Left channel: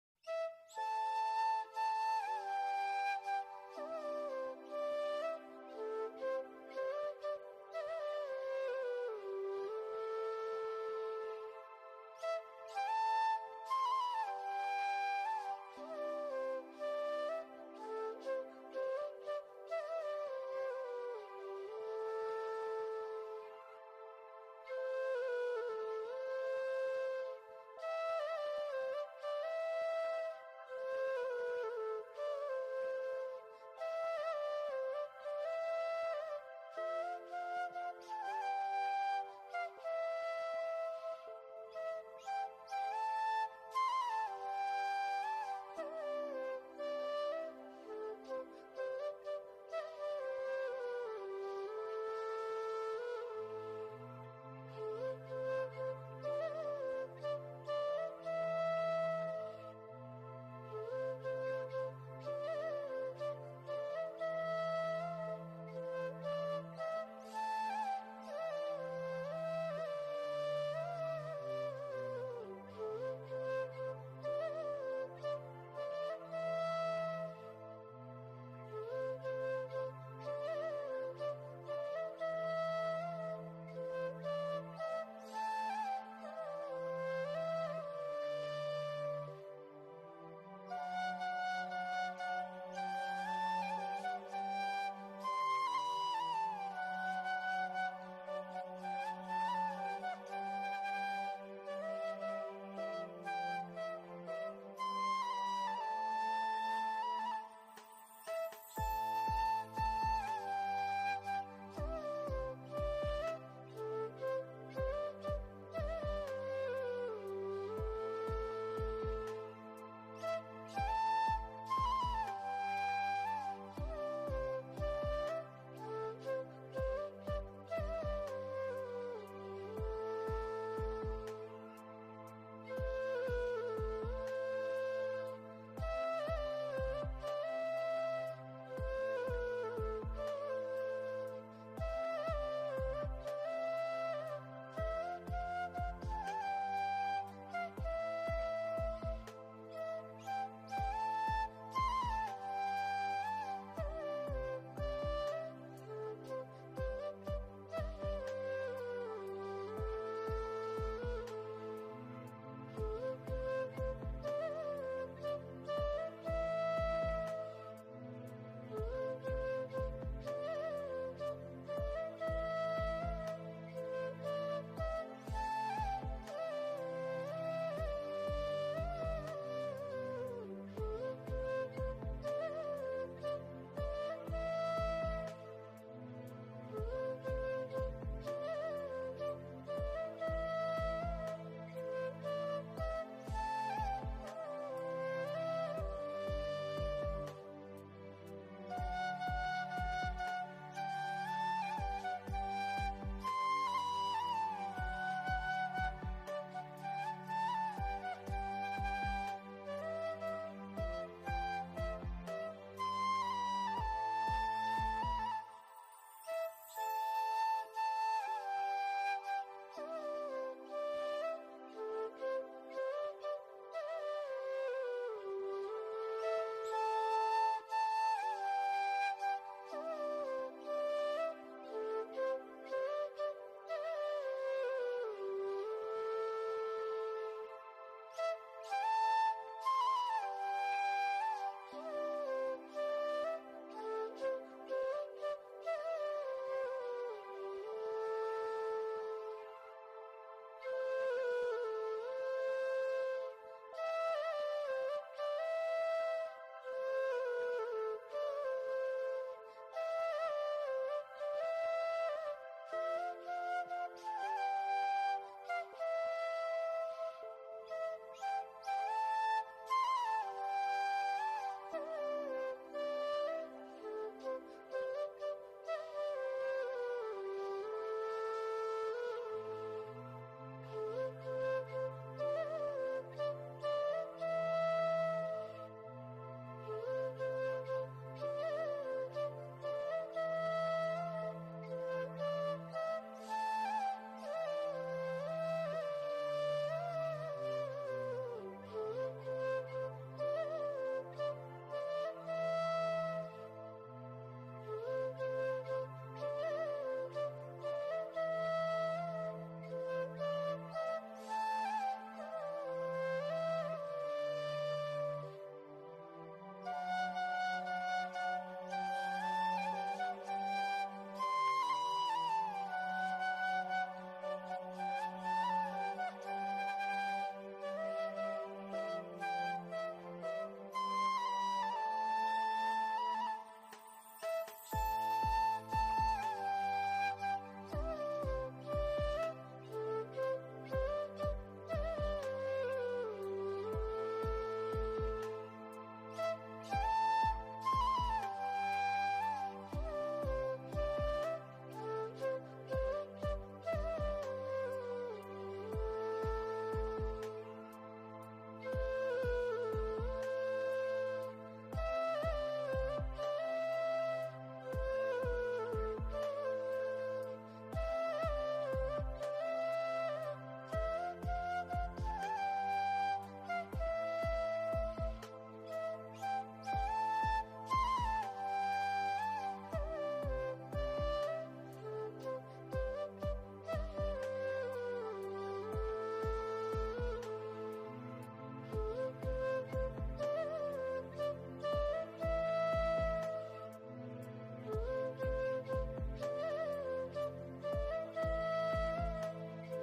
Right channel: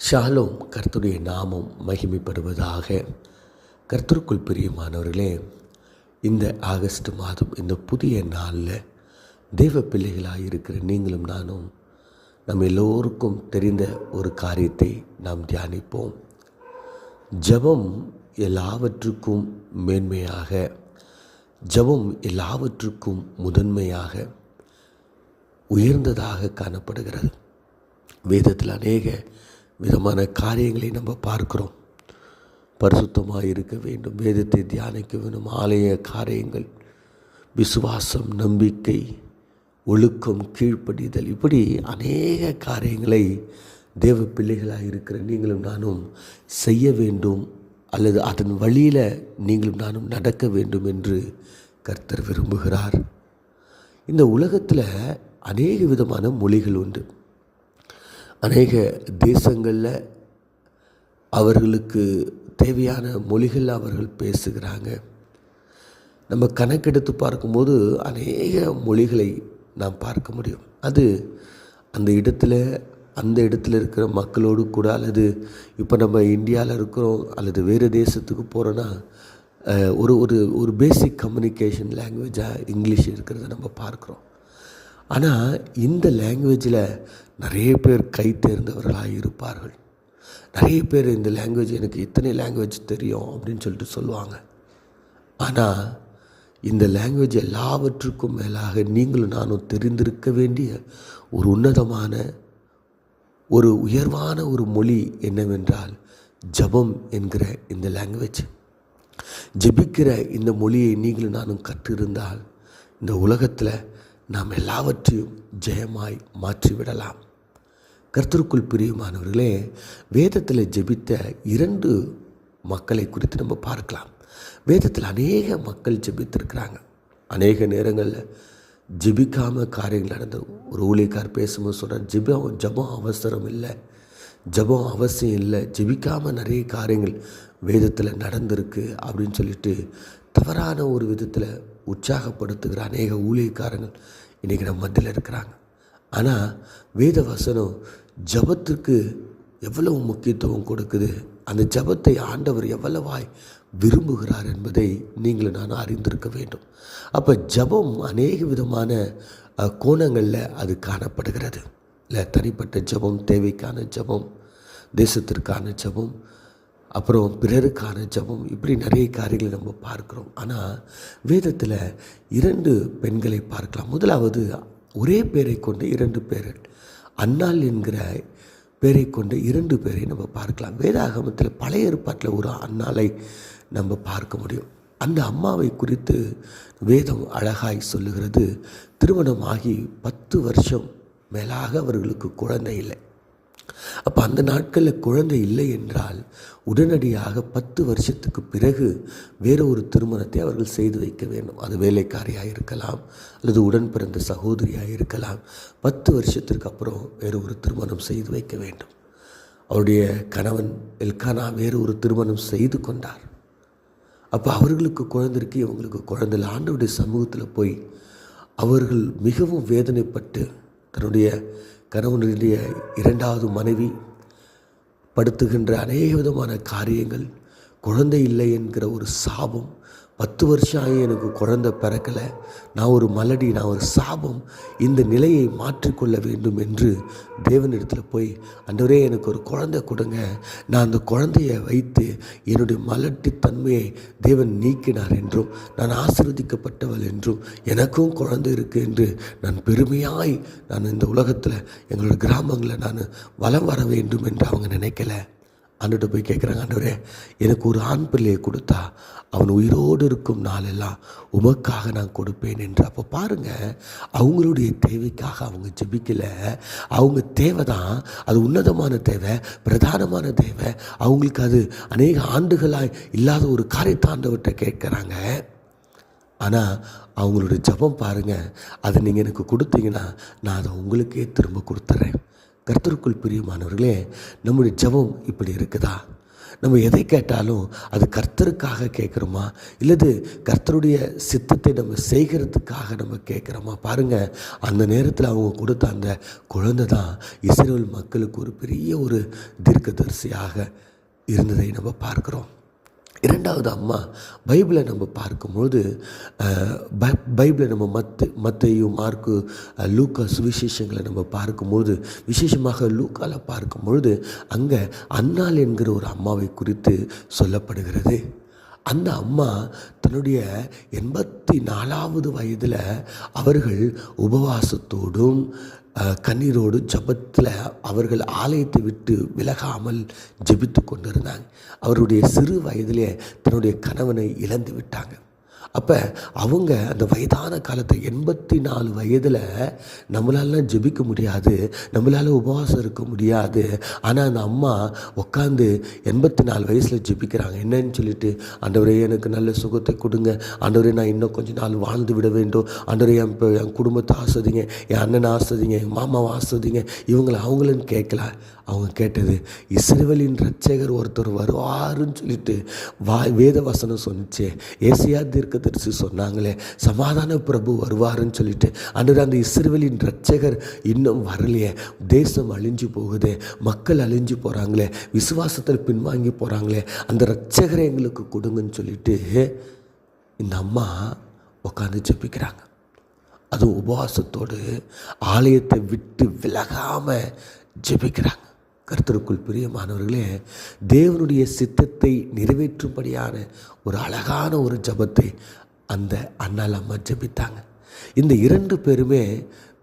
Shalom. கர்த்தருடைய நாமம் மகிமைப்படுவதாக. கர்த்தருக்குள் பிரியமானவர்களே, இந்த ஆகஸ்ட் மாதம் இந்த புதிய நாளில் தெய்வ பிள்ளைகளாக இருக்கிற நீங்களும் நானும் நம்ம எல்லோருக்கும் தெரிந்த ஒரு காரியத்தை நாம் தியானிப்போம். ஜெபம் எல்லாவற்றுக்கும் மேன்மையாக, ஜெபம் எல்லாவற்றுக்கும் முதன்மையாக உயர்ந்ததாக காணப்படுகிறது. வேதத்தில் அநேக விதமான காரியங்களை நம்ம பார்க்கிறோம். பரிசுத்தமாக இருக்க வேண்டும், வேதத்தை தியானிக்க வேண்டும், ஆலய காரியங்கள், விசுவாசம், நம்பிக்கை, ஒழுக்கம், கீழ்ப்படிதல், இப்படி அநேக காரியங்களை தேவ பிள்ளைகளாக இருக்கிற நீங்களும் நானும் செய்ய வேண்டும், அல்லது அதன் வழியில் நீங்களும் நானும் நடக்க வேண்டும் என்று கர்த்தர் விரும்புகிறார். இந்த உலகத்தில் அநேக விதமான மொழிகள் உண்டு. அநேக தேசங்களில் அவர்களுக்கு தேவையான மொழிகள் அவர்கள் பேசுகிறாங்க. நம்ம கணக்கெடுத்து பார்க்கும்போது அநேக மொழிகளை நாம் பார்க்க முடியும். அது அந்த இடத்துல இருக்கிற மக்களோடு கூட, அல்லது இப்போ நம்ம இந்தியாவில் இருக்கிறோம் அல்லது வேறு தேசத்துக்கு போகிறோன்னா ஒரு ஒரு ஒரு பேசிக் கம்யூனிகேஷன் லாங்குவேஜாக இங்கிலீஷ் இருக்கிறத நம்ம பார்க்குறோம். ஆனால் இந்த லாங்குவேஜில் நிறைய பேர் கை தேர்ந்தவர்களாக இருப்பார்கள். நிறைய பேர் இந்த லாங்குவேஜ், எனக்கு இத்தனை லாங்குவேஜ் தெரியும் அப்படின்னு சொல்லிட்டு சொல்லுவாங்க. ஆனால் இந்த லாங்குவேஜ் எல்லாவற்றுக்கும் மேலாக நீங்களும் நானும் தெரிந்திருக்க வேண்டிய ஒரு உன்னதமான, ஒரு உயர்வான ஒரு மொழி என்னவென்றால் ஜெபம் என்கிற இந்த லாங்குவேஜ். ஜெபிக்கிற இந்த மொழியை நீங்களும் நானும் கற்றிருந்தால் இந்த உலகத்தில் நாம் எல்லாவற்றையும் ஜெயமாய் மாற்றிவிடலாம். கர்த்தருக்குள் பிரியமானவர்களே, வேதத்தில் ஜெபித்த 2 மக்களை குறித்து நம்ம பார்க்கலாம். வேதத்தில் அநேக மக்கள் ஜெபித்திருக்கிறாங்க. அநேக நேரங்களில் ஜெபிக்காமல் காரியங்கள் நடந்தது. ஒரு ஊழியக்கார் பேசும்போது சொல்கிறார், ஜெபம் அவசரம் இல்லை, ஜெபம் அவசியம் இல்லை, ஜெபிக்காமல் நிறைய காரியங்கள் வேதத்தில் நடந்திருக்கு அப்படின்னு சொல்லிட்டு தவறான ஒரு விதத்தில் உற்சாகப்படுத்துகிற அநேக ஊழியக்காரங்கள் இன்றைக்கி நம்ம மத்தியில் இருக்கிறாங்க. ஆனால் வேத வசனம் ஜெபத்துக்கு எவ்வளவு முக்கியத்துவம் கொடுக்குது, அந்த ஜெபத்தை ஆண்டவர் எவ்வளவாய் விரும்புகிறார் என்பதை நீங்களும் நான் அறிந்திருக்க வேண்டும். அப்போ ஜெபம் அநேக விதமான கோணங்களில் அது காணப்படுகிறது. இல்லை, தனிப்பட்ட ஜெபம், தேவைக்கான ஜெபம், தேசத்திற்கான ஜெபம், அப்புறம் பிறருக்கான ஜெபம், இப்படி நிறைய காரியங்களை நம்ம பார்க்குறோம். ஆனால் வேதத்தில் 2 பெண்களை பார்க்கலாம். முதலாவது, ஒரே பேரை கொண்டு 2 பேர்கள், அன்னாள் என்கிற பேரை கொண்டு 2 பேரை நம்ம பார்க்கலாம். வேதாகமத்தில் பழைய ஏற்பாட்டில் ஒரு அன்னாளை நம்ம பார்க்க முடியும். அந்த அம்மாவை குறித்து வேதம் அழகாய் சொல்லுகிறது. திருமணமாகி 10 வருஷம் மேலாக அவர்களுக்கு குழந்தை இல்லை. அப்போ அந்த நாட்களில் குழந்தை இல்லை என்றால் உடனடியாக 10 வருஷத்துக்கு பிறகு வேறு ஒரு திருமணத்தை அவர்கள் செய்து வைக்க வேண்டும். அது வேலைக்காரியாக இருக்கலாம், அல்லது உடன் பிறந்த சகோதரியாக இருக்கலாம். 10 வருஷத்திற்கு அப்புறம் வேறு ஒரு திருமணம் செய்து வைக்க வேண்டும். அவருடைய கணவன் எல்கானா வேறு ஒரு திருமணம் செய்து கொண்டார். அப்போ அவர்களுக்கு குழந்தைக்கு, இவங்களுக்கு குழந்தை. ஆண்டவருடைய சமூகத்தில் போய் அவர்கள் மிகவும் வேதனைப்பட்டு தன்னுடைய கணவனுடைய 2வது மனைவி படுத்துகின்ற அநேக விதமான காரியங்கள், குழந்தை இல்லை என்கிற ஒரு சாபம், 10 வருஷம் ஆகி எனக்கு குழந்தை பிறக்கலை, நான் ஒரு மலடி, நான் ஒரு சாபம், இந்த நிலையை மாற்றிக்கொள்ள வேண்டும் என்று தேவனிடத்தில் போய், ஆண்டவரே எனக்கு ஒரு குழந்தை கொடுங்க, நான் அந்த குழந்தையை வைத்து என்னுடைய மலட்டி தன்மையை தேவன் நீக்கினார் என்றும், நான் ஆசீர்வதிக்கப்பட்டவள் என்றும், எனக்கும் குழந்தை இருக்குது என்று நான் பெருமையாய் நான் இந்த உலகத்தில் எங்களோட கிராமங்களில் நான் வலம் வர வேண்டும் என்று அவங்க நினைக்கல. ஆண்டுகிட்ட போய் கேட்குறாங்க, ஆண்டவரே எனக்கு ஒரு ஆண் பிள்ளையை கொடுத்தா அவன் உயிரோடு இருக்கும் நாளெல்லாம் உமக்காக நான் கொடுப்பேன் என்று. அப்போ பாருங்கள், அவங்களுடைய தேவைக்காக அவங்க ஜெபிக்கலை. அவங்க தேவை தான், அது உன்னதமான தேவை, பிரதானமான தேவை. அவங்களுக்கு அது அநேக ஆண்டுகளாக இல்லாத ஒரு காரியத்தை ஆண்டவர்கிட்ட கேட்குறாங்க. ஆனால் அவங்களுடைய ஜெபம் பாருங்கள், அதை நீங்கள் எனக்கு கொடுத்தீங்கன்னா நான் அதை உங்களுக்கே திரும்ப கொடுத்துட்றேன். கர்த்தருக்குள் பிரியமானவர்களே, நம்முடைய ஜெபம் இப்படி இருக்குதா? நம்ம எதை கேட்டாலும் அது கர்த்தருக்காக கேட்குறோமா, இல்லது கர்த்தருடைய சித்தத்தை நம்ம செய்கிறதுக்காக நம்ம கேட்குறோமா? பாருங்கள், அந்த நேரத்தில் அவங்க கொடுத்த அந்த குழந்தை தான் இஸ்ரவேல் மக்களுக்கு ஒரு பெரிய ஒரு தீர்க்கதரிசியாக இருந்ததை நம்ம பார்க்குறோம். இரண்டாவது அம்மா பைபிளை நம்ம பார்க்கும்போது பைபிளை நம்ம மத்தேயு, மார்க்கு, லூக்கா சுவிசேஷங்களை நம்ம பார்க்கும்போது, விசேஷமாக லூக்காவில் பார்க்கும்பொழுது அங்கே அன்னாள் என்கிற ஒரு அம்மாவை குறித்து சொல்லப்படுகிறது. அந்த அம்மா தன்னுடைய 84வது வயதில் அவர்கள் உபவாசத்தோடும் கண்ணீரோடு ஜெபத்தில் அவர்கள் ஆலயத்தை விட்டு விலகாமல் ஜெபித்து கொண்டிருந்தாங்க. அவருடைய சிறு வயதிலே தன்னுடைய கணவனை இழந்து விட்டாங்க. அப்போ அவங்க அந்த வயதான காலத்தை 84 வயதில் நம்மளாலாம் ஜெபிக்க முடியாது, நம்மளால் உபவாசம் இருக்க முடியாது. ஆனால் அந்த அம்மா உட்காந்து 84 வயசில் ஜெபிக்கிறாங்க. என்னன்னு சொல்லிட்டு, ஆண்டவரே எனக்கு நல்ல சுகத்தை கொடுங்க, ஆண்டவரே நான் இன்னும் கொஞ்சம் நாள் வாழ்ந்து விட வேண்டும், ஆண்டவரே என் குடும்பத்தை ஆஸ்வதிங்க, என் அண்ணனை ஆஸ்வதிங்க, என் மாமாவை ஆஸ்வதிங்க, இவங்களை அவங்களுன்னு கேட்கல. அவங்க கேட்டது, இஸ்ரவேலின் இரட்சகர் ஒருத்தர் வருவாருன்னு சொல்லிட்டு வேத வசனம் சொன்னிச்சே, ஏசாயா தீர்க்கதரிசி சொன்னாங்களே, சமாதான பிரபு வருவாருன்னு சொல்லிட்டு, ஆண்டவரே அந்த இஸ்ரவேலின் இரட்சகர் இன்னும் வரலையே, தேசம் அழிஞ்சு போகுதே, மக்கள் அழிஞ்சு போகிறாங்களே, விசுவாசத்தில் பின்வாங்கி போகிறாங்களே, அந்த இரட்சகரை எங்களுக்கு கொடுங்கன்னு சொல்லிட்டு இந்த அம்மா உட்காந்து ஜெபிக்கிறாங்க. அதுவும் உபவாசத்தோடு ஆலயத்தை விட்டு விலகாமல் ஜெபிக்கிறாங்க. கர்த்தருக்குள் பிரியமானவர்களே, தேவனுடைய சித்தத்தை நிறைவேற்றும்படியான ஒரு அழகான ஒரு ஜெபத்தை அந்த அன்னாள் அம்மா ஜெபித்தாங்க. இந்த 2 பேருமே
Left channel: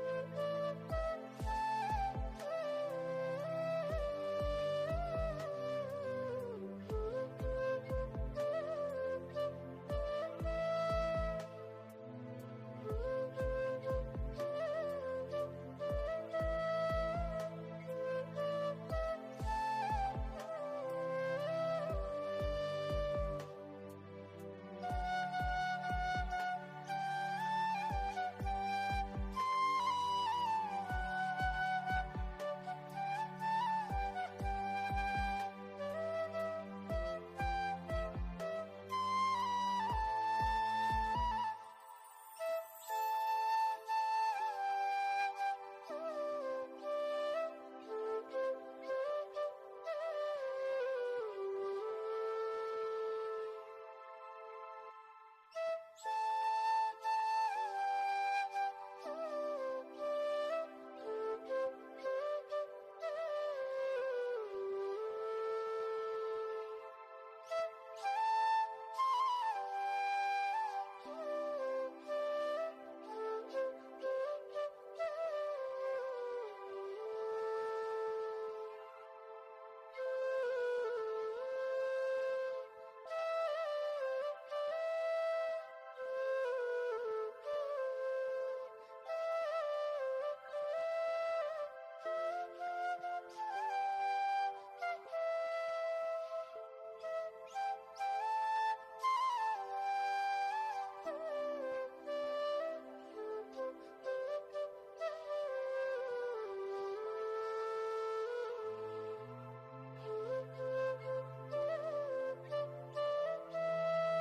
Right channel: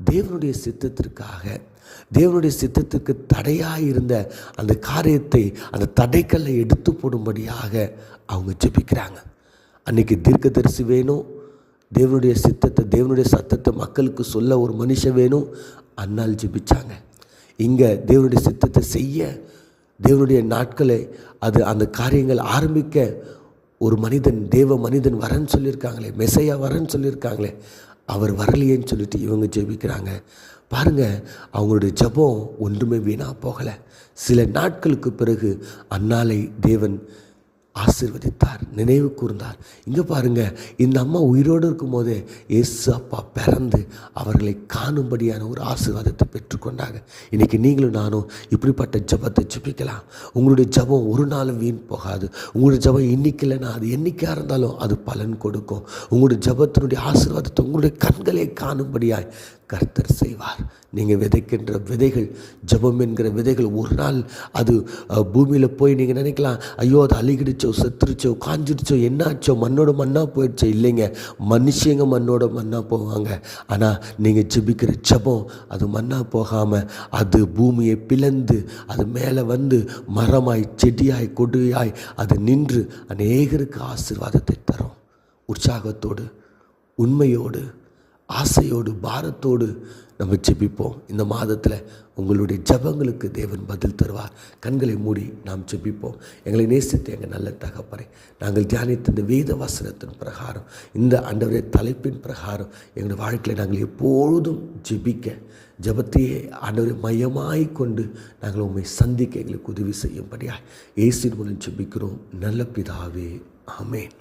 தேவனுடைய சித்தத்திற்காக, தேவனுடைய சித்தத்துக்கு தடையாக இருந்த அந்த காரியத்தை, அந்த தடைக்கல்லை எடுத்து போடும்படியாக அவங்க ஜெபிக்கிறாங்க. அன்றைக்கி தீர்க்கதரிசி வேணும், தேவனுடைய சித்தத்தை, தேவனுடைய சத்தத்தை மக்களுக்கு சொல்ல ஒரு மனுஷன் வேணும். அன்னாள் ஜெபிச்சாங்க. இங்கே தேவனுடைய சித்தத்தை செய்ய, தேவனுடைய நாட்களை அந்த காரியங்கள் ஆரம்பிக்க ஒரு மனிதன், தேவ மனிதன் வரன்னு சொல்லியிருக்காங்களே, மெசையா வரன்னு சொல்லியிருக்காங்களே, அவர் வரலையேன்னு சொல்லிட்டு இவங்க ஜெபிக்கிறாங்க. பாருங்கள், அவங்களுடைய ஜெபம் ஒன்றுமே வீணாக போகலை. சில நாட்களுக்கு பிறகு அன்னாளை தேவன் ஆசீர்வதித்தார், நினைவு கூர்ந்தார். இங்கே பாருங்கள், இந்த அம்மா உயிரோடு இருக்கும் போதே இயேசு அப்பா பிறந்து அவர்களை காணும்படியான ஒரு ஆசீர்வாதத்தை பெற்றுக்கொண்டாங்க. இன்றைக்கி நீங்களும் நானும் இப்படிப்பட்ட ஜெபத்தை ஜெபிக்கலாம். உங்களுடைய ஜெபம் ஒரு நாளும் வீண் போகாது. உங்களுடைய ஜெபம் இன்னைக்கு இல்லைன்னா அது என்றைக்காக இருந்தாலும் அது பலன் கொடுக்கும். உங்களுடைய ஜெபத்தினுடைய ஆசீர்வாதத்தை உங்களுடைய கண்களை காணும்படியாய் கர்த்தர் செய்வார். நீங்கள் விதைக்கின்ற விதைகள், ஜெபம் என்கிற விதைகள், ஒரு நாள் அது பூமியில் போய் நீங்கள் நினைக்கலாம், ஐயோ அது அழுகிடுச்சோ, செத்துருச்சோ, காஞ்சிடுச்சோ, என்னாச்சோ, மண்ணோட மண்ணாக போயிடுச்சோ. இல்லைங்க, மனுஷங்க மண்ணோட மண்ணாக போவாங்க. ஆனால் நீங்கள் ஜெபிக்கிற ஜெபம் அது மண்ணாக போகாமல் அது பூமியை பிளந்து அது மேலே வந்து மரமாய், செடியாய், கொடியாய் அது நின்று அநேகருக்கு ஆசீர்வாதத்தை தரும். உற்சாகத்தோடு, உண்மையோடு, ஆசையோடு, பாரத்தோடு நம்ம ஜெபிப்போம். இந்த மாதத்தில் உங்களுடைய ஜெபங்களுக்கு தேவன் பதில் தருவார். கண்களை மூடி நாம் ஜெபிப்போம். எங்களை நேசித்து எங்கள் நல்ல தகப்பனே, நாங்கள் தியானித்த இந்த வேத வசனத்தின் பிரகாரம், இந்த ஆண்டவரே தலைப்பின் பிரகாரம் எங்களுடைய வாழ்க்கையில் நாங்கள் எப்பொழுதும் ஜெபிக்க, ஜெபத்தையே ஆண்டவரை மையமாய் கொண்டு நாங்கள் உண்மை சந்திக்க எங்களுக்கு உதவி செய்யும்படியாக இயேசுவின் மூலம் ஜெபிக்கிறோம் நல்ல பிதாவே, ஆமென்.